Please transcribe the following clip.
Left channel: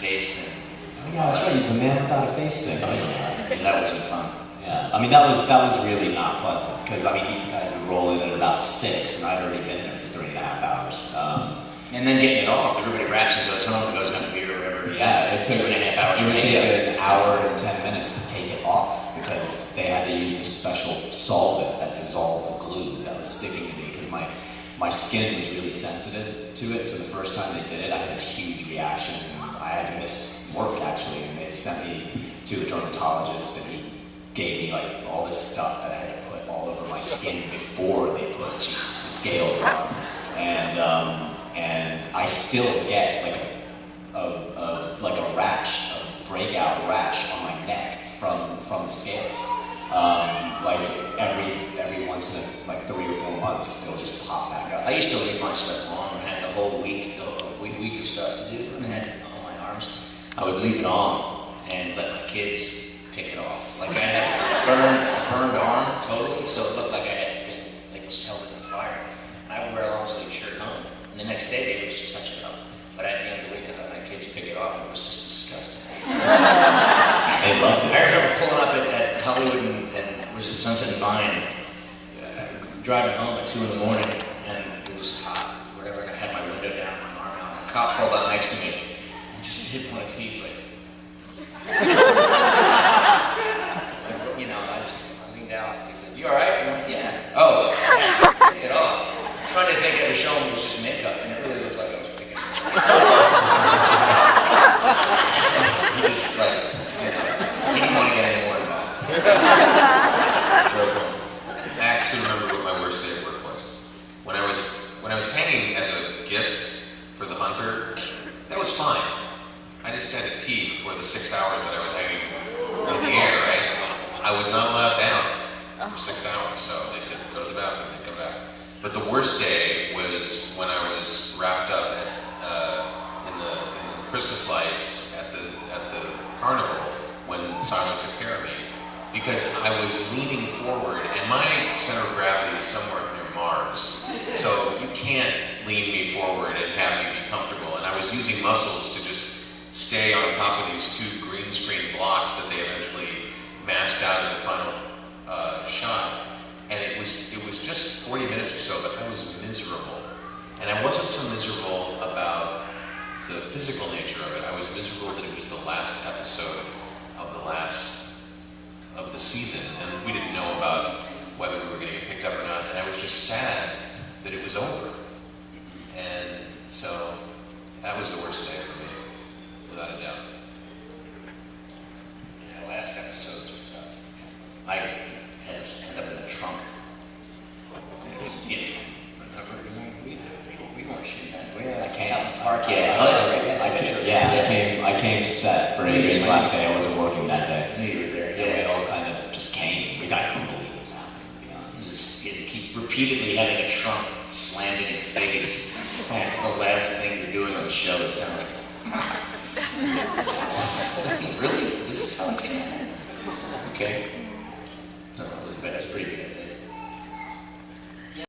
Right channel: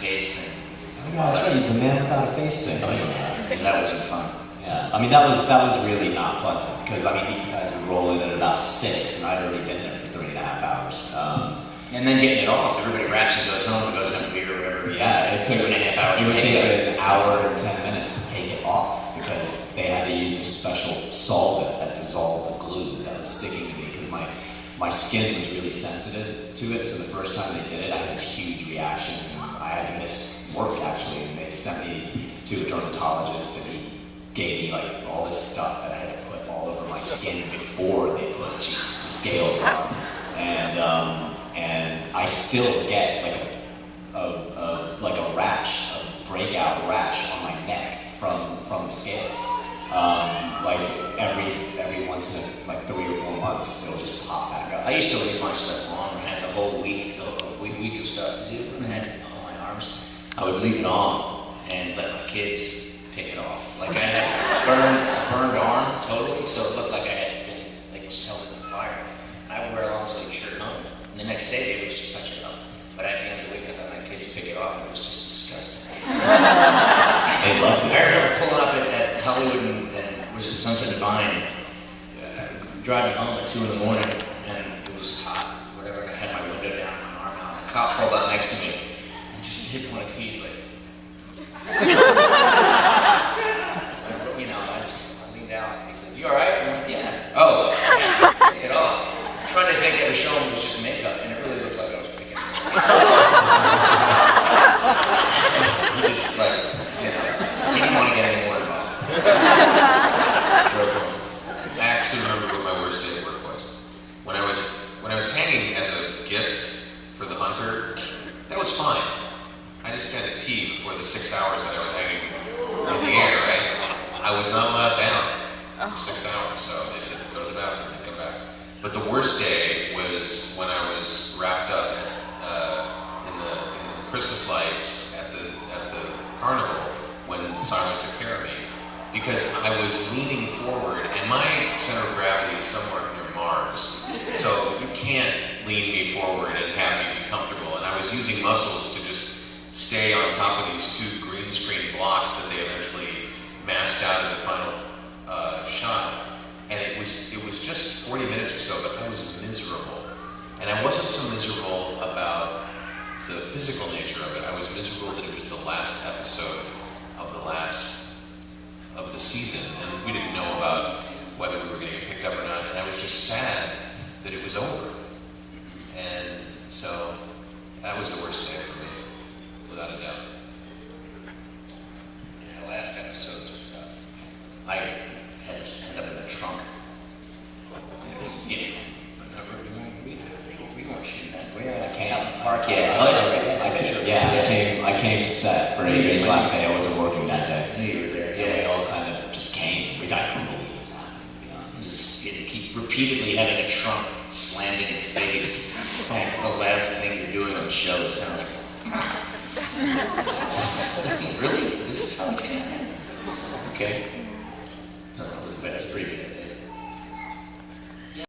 face thing. Oh, yeah, that's right. The man without a face thing. Oh, yeah. That wasn't fun. Yeah, I mean that was really not pleasant because I mean these guys would roll in at about 6, and I'd already been there for 3.5 hours. And then getting it off, everybody wraps and goes home and goes on a beer or whatever. Yeah, it took 2.5 hours. It would take an hour and 10 minutes to take it off because they had to use this special solvent that dissolved the glue that was sticking to me because my skin was really sensitive to it. So the first time they did it, I had this huge reaction. I had to miss work actually, and they sent me to a dermatologist, and he gave me like all this stuff that I had to put all over my skin before they put the scales on, and I still get like a rash, a breakout rash on my neck from the scales. Like every once in like 3 or 4 months, it'll just pop back up. I used to leave my stuff on and had the whole week of stuff to do, and I had on my arms. I would leave it on and let my kids pick it off. Like I had a burned arm totally, so it looked like I had been like held in the fire. And I would wear a long sleeve shirt home, and the next day they would just touch it up. But at the end of the week, I let my kids pick it off, and it was just disgusting. They loved it. I remember pulling up at Hollywood and was it Sunset and Vine, driving home at 2 in the morning, and it was hot, whatever, and I had my window down, my arm out, and a cop pulled out next to me, and just hit one of these, like, you know, I leaned out, he said, "You alright?" I'm like, "Yeah." "Oh, yeah, take it off." I'm trying to think I was showing it was just makeup, and it really looked like I was picking this. He just, like, you know, he didn't want to get any more involved. Drove home. I actually remember what my worst day at work was. When I was hanging as a gift for the hunter, that was fine. I just had to pee before the 6 hours that I was hanging in the air, right? I was not allowed down for 6 hours, so they said, "Go to the bathroom and come back." But the worst day was when I was wrapped up in the Christmas lights at the carnival when Simon took care of me. Because I was leaning forward, and my center of gravity is somewhere near Mars, so you can't lean me forward and have me be comfortable. And I was using muscles to just stay on top of these 2 green screen blocks that they eventually masked out in the final shot. And it was just 40 minutes or so, but I was miserable. And I wasn't so miserable about the physical nature of it. I was miserable that it was the last episode of the season, and we didn't know about whether we were going to get picked up or not, and I was just sad that it was over. And so that was the worst day for me, without a doubt. Yeah, last episodes were tough. I had to end up in the trunk. We weren't shooting that. I came out in the park. Yeah, I came to set for Adrain's last day. I wasn't working that day. I knew you were there. Yeah, we all kind of just came. I couldn't believe it was happening, to be honest. You keep repeatedly having a trunk slammed in your face. That's the last thing you're doing on the show. It's kind of like, really? This is how it's going to happen? Okay. No, it was bad. It was pretty bad.